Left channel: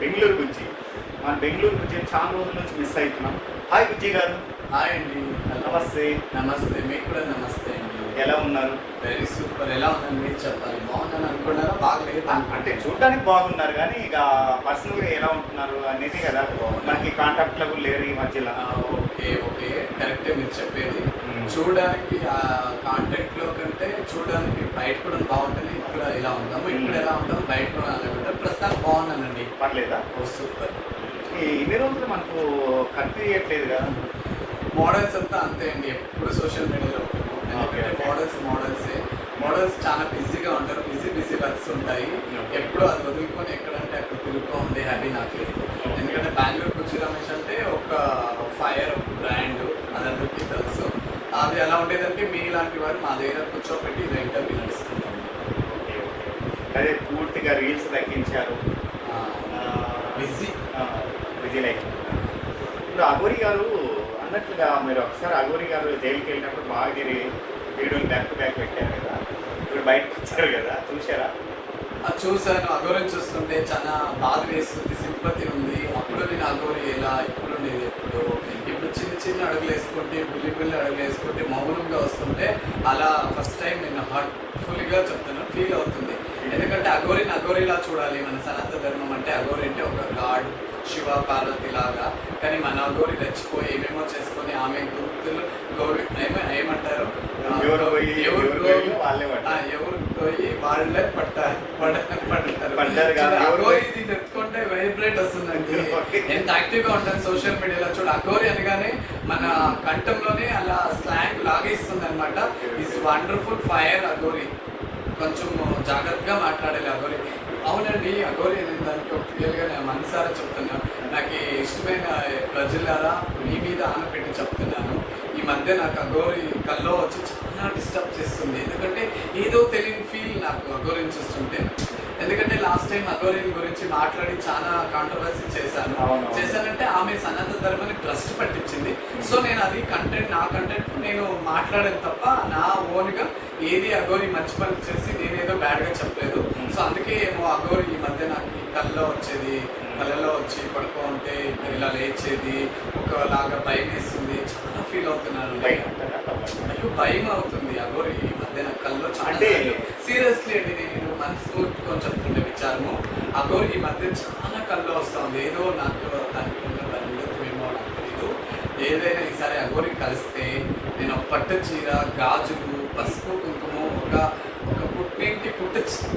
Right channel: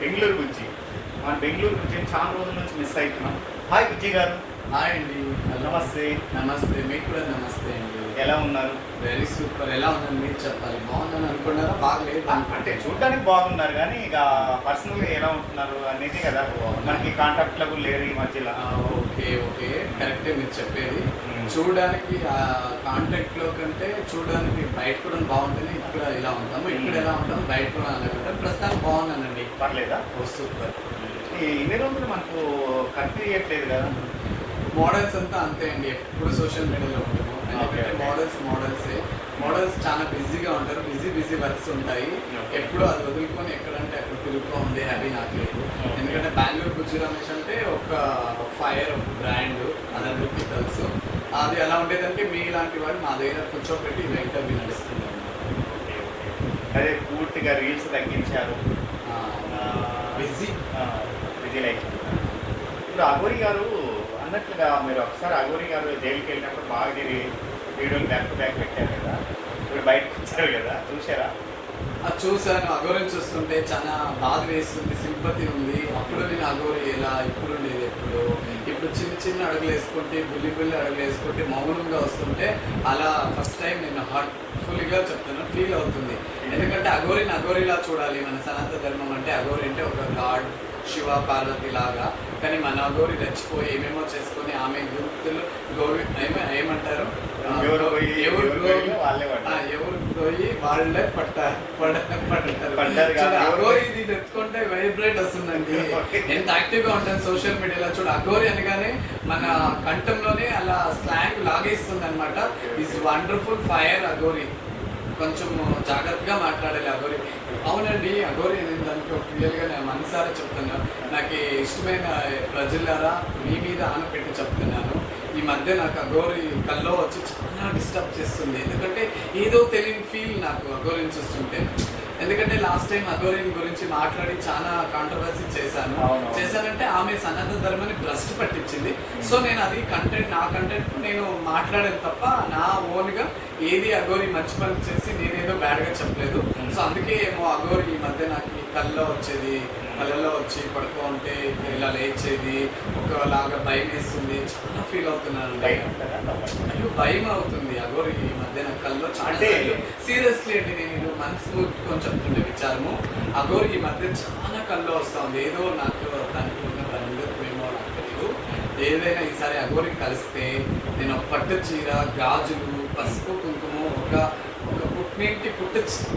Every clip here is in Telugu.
బెంగళూరు గురించి మన బెంగళూరు గురించి చాలా రోజుల నుంచి మిస్ అవుతున్నాం. హాయ్ బుజ్జి గారు. హాయ్ అండి. నమస్తే. నమస్తే, మీకు కూడా నమస్తే అండి. ఎలా ఉన్నారు? Very super. ఎలా ఉందని మీరు చెప్పాలి. బాగుందని అనుకున్నారా? బాగలేదు అంటే చూడడానికి బాగున్నారు కానీ ఇక పర్సనల్గా ఎలా ఉంటున్నారు అనేది కదా మనకి కాంటాక్ట్ లెవెల్ లేరు ఈ మధ్యలో. ఓకే ఓకే, కరెక్టే మీరు చెప్పేది. చూడడానికి కాంటాక్ట్ లో కంటే చూడడానికి బయట కూడా బాగుంటుంది. ఇక్కడ ఎలా ఉంటాము, ఇక్కడ ఎలా ఉంటాము, బయట కూడా అనుకుంటే ప్రస్తుతానికి బాగున్నానండి. పర్లేదా? సూపర్. ఇన్ని రోజులు మనకు కనిపించట్లేదు కదా. మోడల్స్ అంతా అంతే అండి, ఎప్పుడు సోషల్ మీడియాలో ఉంటాము. మోడల్స్ చాలా బిజీగా ఉంటారు. బిజీ వర్క్స్ ఉంటాయి. ఎప్పుడు అది వదులుకొని ఎక్కడంటే అక్కడ తిరుగుతూ ఉంది హ్యాపీ నాకు లేదు. ఎందుకంటే బెంగళూరు బుజ్జి రమేష్ అంటే ఒక ఫైర్, ఒక బ్రాండ్, అదందరికీ తెలుసు. అది ఎలా ఉండేదంటే మీ లాంటి వాడు మా దగ్గర కూర్చోబెట్టి ఇంటర్వ్యూ నడుస్తున్నాం. అదే పూర్తిగా రీల్స్ తగ్గించారు. Busy life. ఇప్పుడు అఘోరి గారు అన్నట్టుగా మీరు ఒకసారి అఘోరి గారు జైలుకి వెళ్ళినప్పుడు బాగా తిరిగి వీడియోని బ్యాక్ టు బ్యాక్ పెట్టారు కదా, ఇప్పుడు బయటకు వచ్చారు కదా, చూసారా? చూసాను. అఘోరిని చూస్తుంటే చాలా బాధ వేస్తుంది, సింపతి ఉంది. అప్పుడు నేను అఘోరి ఎలా, ఇప్పుడు ఉండేది ఎప్పుడు. ఇప్పుడు చిన్న అడుగులు వేసుకుంటే, బుల్లి అడుగులు వేసుకుంటే, మౌనంగా వస్తుంటే అలా ఫస్ట్ టైం నేను హార్ట్ఫుల్గా చెప్తాను, ఫీల్ అవుతుంది. ఎందుకంటే అఘోరిలా చూడాలి. మన సనాతన ధర్మం అంటే అఘోరి అంటే ఒక గాడ్, శివ పార్వతి లాగా. కానీ మన అఘోరి రెచ్చిపోయి ఏమేమో చేసుకొని ఆమె గుర్తులు ఏమంటారు, ఎవరు పోయి వాళ్ళే పడ్డారు. అఘోరి ఇది పెట్టుకుంటే వైబ్రేట్ వస్తుందండి. ఎంత యాక్టివ్ గా ఉంటుంది సోషల్ మీడియాలో. చూడు, అఘోరి అనగానే మన కంఠంలోనే అలా స్లాంగ్ లాగేస్తుంది అనమాట. Is wonderful fire Aghori. కొంచెం జాగ్రత్తగా మాట్లాడాలి అఘోరి. అవునండి, అఘోరి దానికి క్లియర్గా నేను మనసారా చెప్తున్నాను. నాకు ఇష్టమైన ప్రజలారా మీ మీద ఆనపెట్టి చెప్తున్నాను. ఈ మధ్య నాకు అఘోరి కల్లో వచ్చి చాలా డిస్టర్బ్ చేస్తుంది. ఎందుకంటే ఏదో తెలియని ఫీల్ నాకు అఘోరిని చూస్తుంటే. ఎందుకంటే లాస్ట్ టైం అఘోరిని గురించి మాట్లాడి చాలా కాంట్రవర్సీ చేశానంటే ఆమె సనాతన ధర్మాన్ని భ్రష్టు పట్టించింది. సో నేను అది నా కంటెంట్ నేను మాట్లాడాను తప్ప నా ఓన్గా ఏది అఘోరి మంచి పని చేసి నేనేదో బ్యాడ్గా చెప్పలేదు. సో అందుకే ఏమో అఘోరి ఈ మధ్య నాకు కళ్ళలో వచ్చేది, కళ్ళలో వచ్చి పడుకో ఉంటే ఇలా లేచేది, ఒకలాగా భయం వేస్తుంది. చాలా ఫీల్ అవుతున్నాను. నాకు భయం అవుతుంది అఘోరి ఈ మధ్య నాకు కళ్ళలో చాలా సీరియస్లీ అండి. నేను మనసు కొంచెం విచారము. అఘోరి ఈ మధ్య చాలా కళ్ళు వస్తుంది. ఏదో నాకు దానికి ఏమో నాకు తెలియదు. ఏదైనా ఈసారి అఘోరి కలిస్తే నేను పట్టు చీర, గాజులు, పసుపు, కుంకుమ, ఒక పుట్టింటి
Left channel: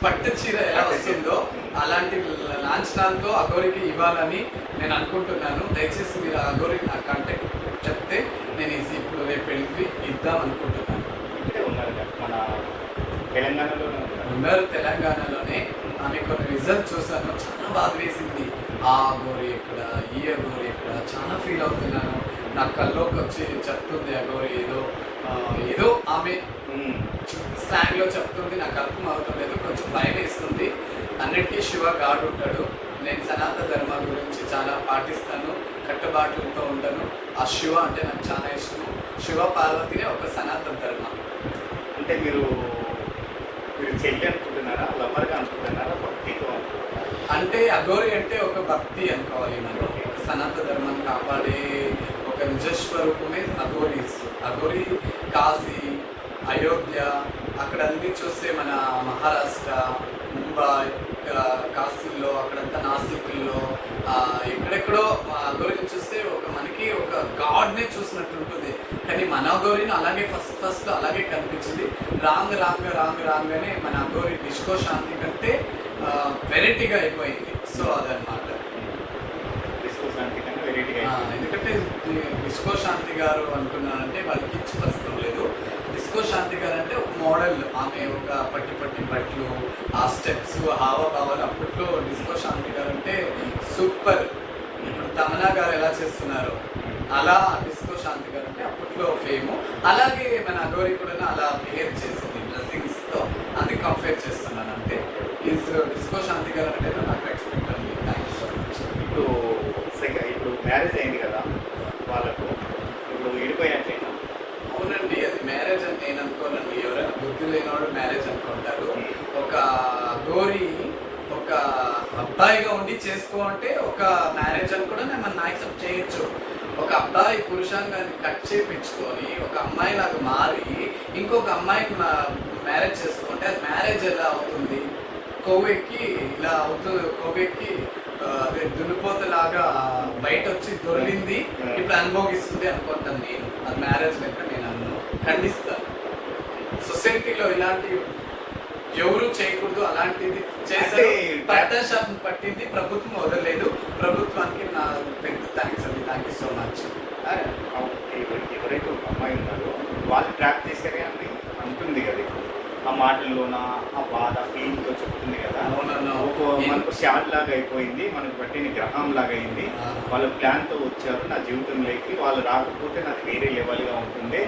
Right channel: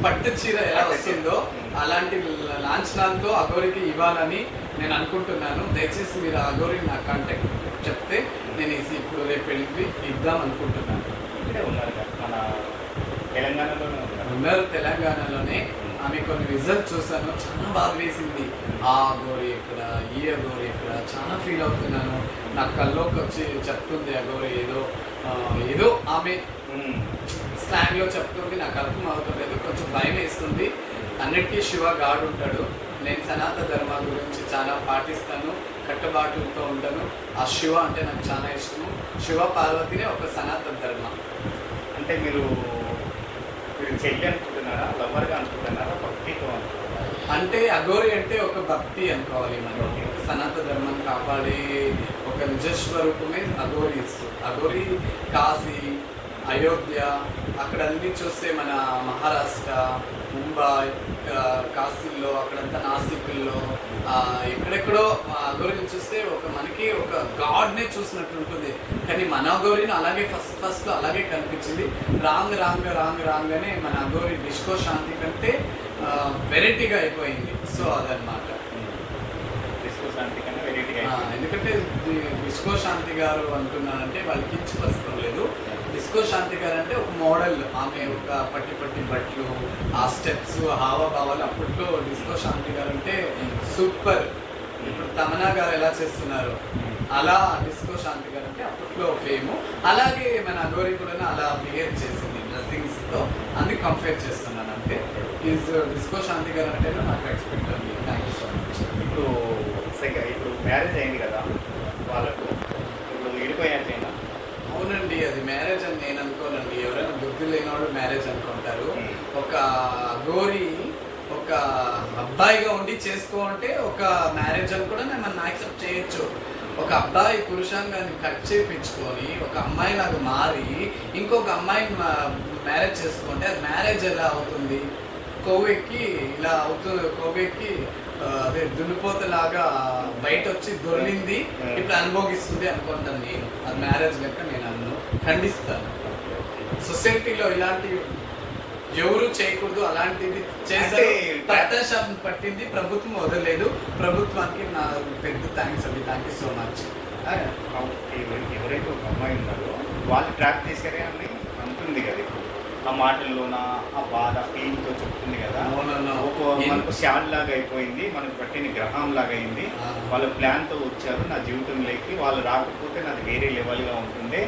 పట్టు చీర ఎలా వస్తుందో అలాంటి లాంఛనాలతో అఘోరికి ఇవ్వాలని నేను అనుకుంటున్నాను. దయచేసి మీరు అఘోరికి నాకు కాంటాక్ట్ చెప్తే నేను ఇప్పుడు రేపు వెళ్ళి ఇద్దాం అనుకుంటున్నాను. ఉన్నారు తెలంగాణలోనే. ఆమె కొన్ని రిజల్ట్ చూసాను, చాలా బాధ వేసింది. ఆ అఘోరి ఎక్కడ, ఈ అఘోరి ఎక్కడ, చాలా ఫీల్ అవుతున్నాను. నా కల్లోకి వచ్చి చెప్తుంది అఘోరి ఏదో ఆమె స్టాండ్లో చెప్తుంది. నాకు అర్థం అవుతలేదు, కొంచెం భయం వేస్తుంది. అన్నిటికీ శివ గాడ్ ఉంటాడు. నేను సనాతన ధర్మం గురించి చాలా పాటిస్తాను, కట్టుబాటులతో ఉంటాను. ఆ శివ అంటే నాకు చాలా ఇష్టము. శివ పార్వతినే ఒక సనాతన ధర్మం. అంటే మీరు చెల్లి అనుకుంటున్నారా, లవర్గా అనుకుంటున్నారా, భక్తితో అనుకుంటున్నారా? అంటే అఘోరి అంటే ఒక భక్తి అనుకోవాలి. మనం సనాతన ధర్మం కాపాడే ఒక నిజస్వరూపమే అఘోరి. అఘోరి కాశీ, అయోధ్య అక్కడ అన్ని చూస్తే మన మహారాష్ట్ర, ముంబై, కాశీలో, అక్కడంతా నాసిక్లో ఎక్కడెక్కడో అఘోరిని చూస్తే మనకి ఒక గాడ్ని చూసినట్టు ఉంటుంది. కానీ మన అఘోరిని అలాగే ఫస్ట్ అలాగే కనిపించింది. రాగానే మన అఘోరి డిస్కో శాంతి కంటే వెరైటీగా అయిపోయింది. సో అదనమాట. ఎందుకంటే డిస్కో శాంతి గారు అంటున్నారంటే వాళ్ళకి ఇచ్చి లేదు. డిస్కో శాంతి గారు అంటే ఒక మోడల్. ఆమె ఒక పట్టి బట్టలు, ఆ స్టెప్స్, హావభావాలు. అప్పట్లో డిస్కో శాంతి గారు అంటే సూపర్. తమన్నా గారు ఎలా చేస్తున్నారు అలా డిస్కో శాంతి గారు అంటే అప్పట్లో ఫేము. అలాగే మన అఘోరి కూడా అలా బిహేవ్ చేసింది డ్రెస్సింగ్స్తో. అందుకు కంపేర్ చేస్తున్నాను. అంటే డిస్కో శాంతి గారు అంటే నాకు ఎక్స్పెక్ట్ ఉంది. Thank you so much. ఇప్పుడు మ్యారేజ్ అయింది కదా వాళ్ళకు, ఇప్పుడు విడిపోయినట్లయినా? అవునండి, అది మ్యారేజ్ అని నేను అనుకోనండి. ఎవరైనా బుద్ధి లేనివాడు మ్యారేజ్ అనుకుంటారు. ఒక అఘోరి ఒక ఒక అబ్బాయిగా ఉండి చేసుకో అంటే ఒక మ్యారేజ్ అని కూడా నేను యాక్సెప్ట్ చేయొచ్చు. ఒక అబ్బాయి పురుషాంగాన్ని కట్ చేయించుకొని ఒక అమ్మాయి లాగా మారి ఇంకొక అమ్మాయిని మ్యారేజ్ చేసుకుంటే అది మ్యారేజ్ ఎలా అవుతుంది? కొవ్వెక్కి ఇలా అవుతుంది, కొవ్వెక్కి అదే దున్నిపోతలాగా బయట వచ్చి దొరికింది ఇప్పుడు అనుభవిస్తుంది అనుకుంటాను నేను. అది మ్యారేజ్ లెక్క నేను ఖండిస్తాను. సొసైటీలో ఇలాంటి ఎవరు చేయకూడదు, అలాంటిది చేస్తే ప్రత్యాశాపం పట్టింది, ప్రభుత్వం వదలలేదు. ప్రభుత్వానికి నా పెద్ద థ్యాంక్స్ అండి. Thank you so much. ఎవరైతే ఒక అమ్మాయి ఉన్నారో వాళ్ళు ట్రాక్ చేశారే అని అంటుంది కదా ఇప్పుడు ఆ మాటల్లోన ఆ బాధ ఫీలింగ్తో చెప్తుంది కదా. ఒక మనకు షాట్ లాగా అయిపోయింది, మనకు పట్టిన గ్రహం లాగా అయింది. వాళ్ళ ప్లాన్తో వచ్చారు నా జీవితంలోకి, వాళ్ళు రాకపోతే నాది వేరే లెవెల్గా ఉంటుండే.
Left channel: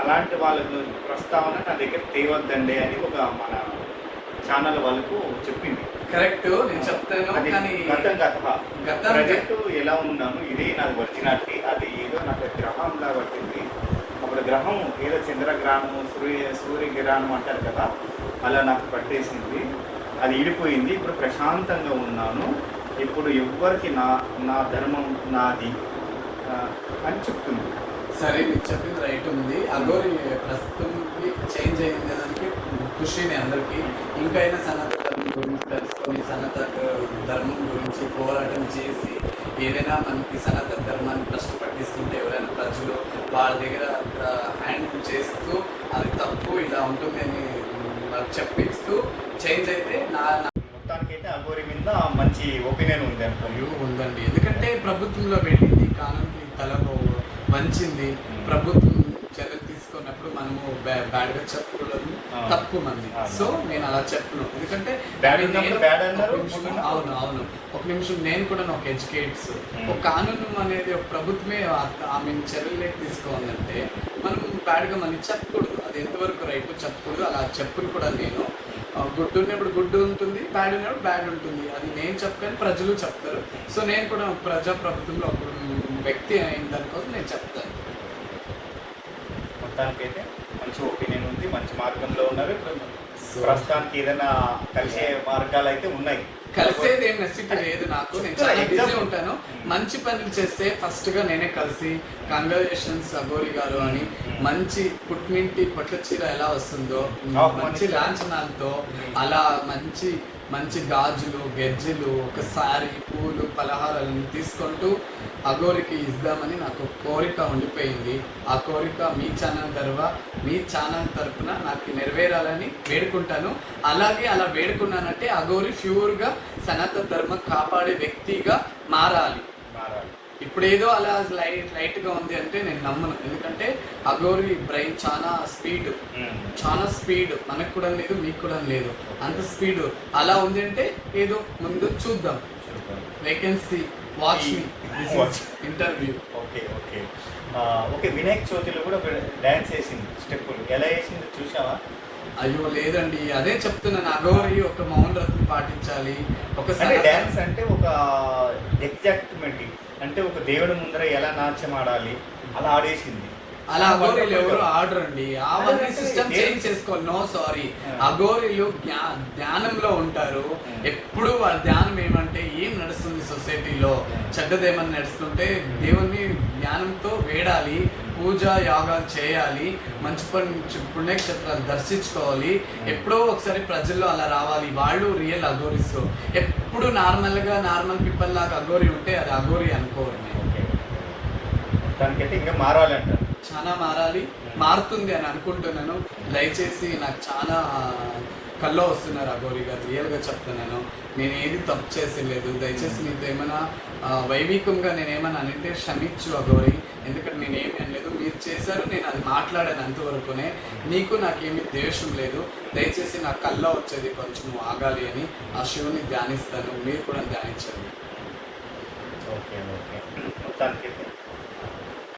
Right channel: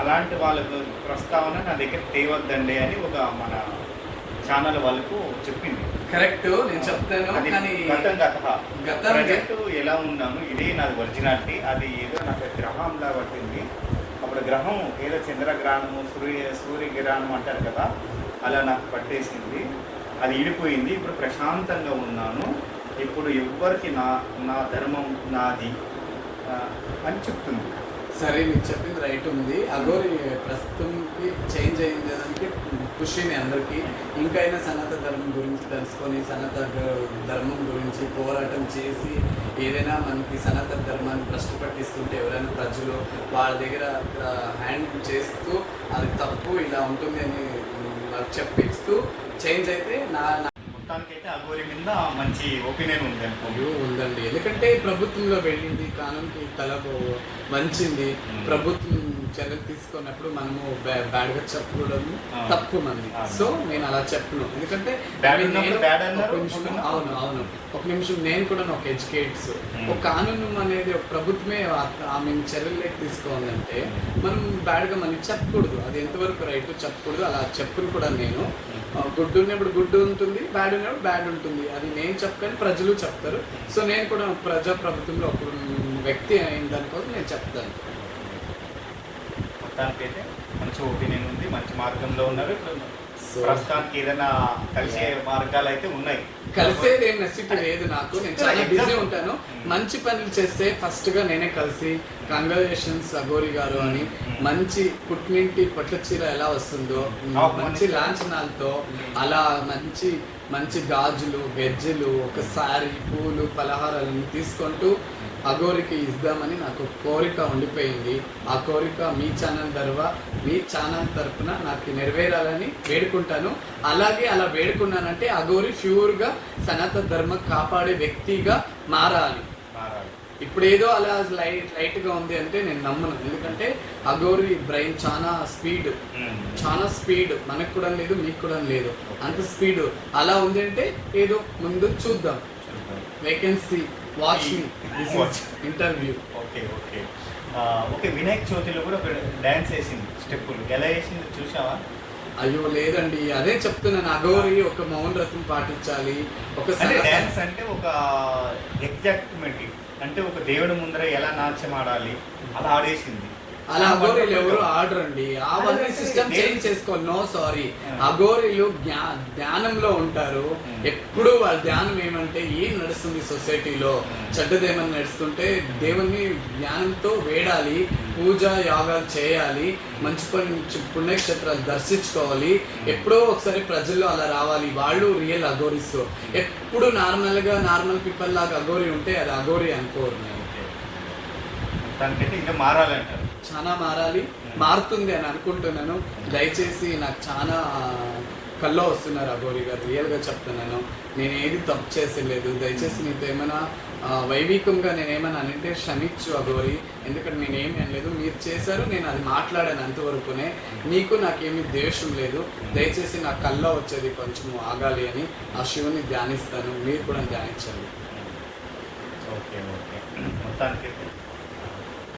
అలాంటి వాళ్ళ ప్రస్తావన నా దగ్గర తేవద్దండి అని ఒక మన ఛానల్ వాళ్ళకు చెప్పింది. కరెక్ట్, నేను చెప్తాను. కానీ ప్రజెంట్ ఎలా ఉన్నాను, ఇది నాది ఒరిజినాలిటీ. అది ఏదో నాకు గ్రహంలా పట్టింది. అప్పుడు గ్రహం ఏదో చంద్రగ్రహణము, సూర్యగ్రహణం అంటారు కదా, అలా నాకు పట్టేసింది. అది ఇడిపోయింది. ఇప్పుడు ప్రశాంతంగా ఉన్నాను. ఇప్పుడు ఎవ్వరికి నా ధర్మం నాది అని చెప్తుంది. సరే, మీరు చెప్పింది రైట్ ఉంది. అగోరి ప్రస్తుతానికి చేంజ్ అయ్యేదానికి ఖుషిని అందరికీ. ఇంకైనా సనాతన ధర్మం గురించి తెలుసుకొని సనాతన ధర్మం గురించి పోరాటం చేసి ఏదైనా మనకి సనాతన ధర్మాన్ని కష్టపట్టిస్తుంటే ఎవరైనా ప్రజలు వాళ్ళ దగ్గర హ్యాండ్ చేస్తూ అది తప్పు ఇలా ఉంటుంది అని చెప్పిస్తూ చేంజ్ అయితే మొత్తానికైతే అఘోరి మీద మంచి ఒపీనియన్ ఉంది అయ్యో ఉందండి. ఎందుకంటే ప్రభుత్వంలో వెళ్ళింది, కానూన్కి తల వంచింది. ప్రభుత్వం చర్యలు తీసుకున్నప్పుడు మనము బ్యాడ్గా చెప్పుకోవడం తప్పు మంది. సో నేను అలా చెప్పను. ఎందుకంటే అవును ఒక నిమిషం నేను కూడా ఒక ఎడ్యుకేట్స్ ఒక కానూన్ అనేది ఒక ప్రభుత్వమే ఆమె చర్యలు తీసుకోవాలంటే మనం బ్యాడ్గా మనం చెప్పకూడదు. అది ఎంతవరకు రైట్ చెప్పకూడదు. అలా చెప్పుని కూడా నేను గుడ్ ఉన్నప్పుడు గుడ్ ఉంటుంది, బ్యాడ్ ఉన్నప్పుడు బ్యాడ్ ఉంటుంది. అది నేను చెప్పని ప్రజలు చెప్తారు. సో నేను కూడా ప్రజాప్రభుత్వంలో ఒక వ్యక్తి అయిన దానికోసం నేను చెప్తాను. మొత్తానికైతే మంచి ఒపీనియన్ ఉంది, మంచి మార్గంలో ఉన్నారు. ప్రస్తుతానికి ఏదైనా కలిసే మార్గాలు అయితే ఉన్నాయి. కలిసేది ఏం నెసిటీ లేదు నాకు. నేను చాలా బిజీ ఉంటాను. మంచి పనులు చేస్తే ఫస్ట్ గా నేనే కలిసి కంగ్రాచులేషన్స్ అఘోరి గారు అని మంచి పుట్టినింటి పట్ల చీర ఎలా వస్తుందో మంచి లాంఛనాలతో అలా మంచి మంచి గాజులు గెజ్జెలు ఒకసారి పూలు పలహారాలను తీసుకుంటూ అఘోరికి ఇద్దామని నాకు కోరిక ఉండిపోయింది. ఆ కోరిక మీ ఛానల్ తరఫున నాకు నెరవేరాలని వేడుకుంటాను. అలాగే అలా వేడుకున్నానంటే అఘోరి ప్యూర్గా సనాతన ధర్మం కాపాడే వ్యక్తిగా మారాలి. ఇప్పుడు ఏదో అలా లైట్గా ఉంది అంటే నేను నమ్మను. ఎందుకంటే అఘోరి బ్రెయిన్ చాలా స్పీడ్ మనకు కూడా లేదు, మీకు కూడా లేదు. అంత స్పీడ్ అలా ఉంది అంటే ఏదో ముందు చూద్దాం. వేకెన్సీ వాచ్ మీ ఇంటర్వ్యూ. ఓకే వినాయక చవితిలో కూడా డాన్స్ వేసింది, స్టెప్పులు ఎలా వేసింది చూసావా? అయ్యో లేదండి, అదే చెప్తున్నాను. అఘోరి ఒక మౌన వ్రతం పాటించాలి. ఒక డాన్స్ అంటే ఒక ఎగ్జాక్ట్మెంట్ అంటే ఒక దేవుడి ముందర ఎలా నాట్యం ఆడాలి అలా ఆడేసింది. అలా అఘోరీలు ఎవరు ఆర్డర్ అండి. అవన్నీ సిస్టమ్ చేంజ్ చేసుకోవాలి. నో సారీ, అఘోరీలు ధ్యానంలో ఉంటారు. ఎప్పుడు వాళ్ళ ధ్యానం ఏమంటే ఏం నడుస్తుంది సొసైటీలో, చెడ్డదేమని నడుస్తుంటే దేవుణ్ణి జ్ఞానంతో వేడాలి, పూజ యాగాలు చేయాలి, మంచి పుణ్యక్షేత్రాలు దర్శించుకోవాలి. ఎప్పుడో ఒకసారి ప్రజల్లో అలా రావాలి. వాళ్ళు రియల్ అఘోరీస్. ఎప్పుడు నార్మల్ పీపుల్ లాగా అఘోరీ ఉంటే అది అఘోరీ అనుకోరు. మొత్తానికైతే ఇంకా మారాలంటారు. చాలా మారాలి, మారుతుంది అని అనుకుంటున్నాను. దయచేసి నాకు చాలా కల్లో వస్తున్నారు అఘోరి గారు. రియల్గా చెప్తున్నాను, నేను ఏది తప్పు చేసేలేదు. దయచేసి నీతో ఏమైనా వైవికంగా నేనేమైనా అంటే క్షమించు అఘోరి. ఎందుకంటే నేనేమి అనలేదు, మీరు చేశారు, నేను అది మాట్లాడాను అంతవరకునే. మీకు నాకేమీ ద్వేషం లేదు. దయచేసి నా కల్లో వచ్చేది కొంచెం ఆగాలి అని ఆ శివుని ధ్యానిస్తాను. మీరు కూడా ధ్యానించండి. ఓకే మొత్తానికి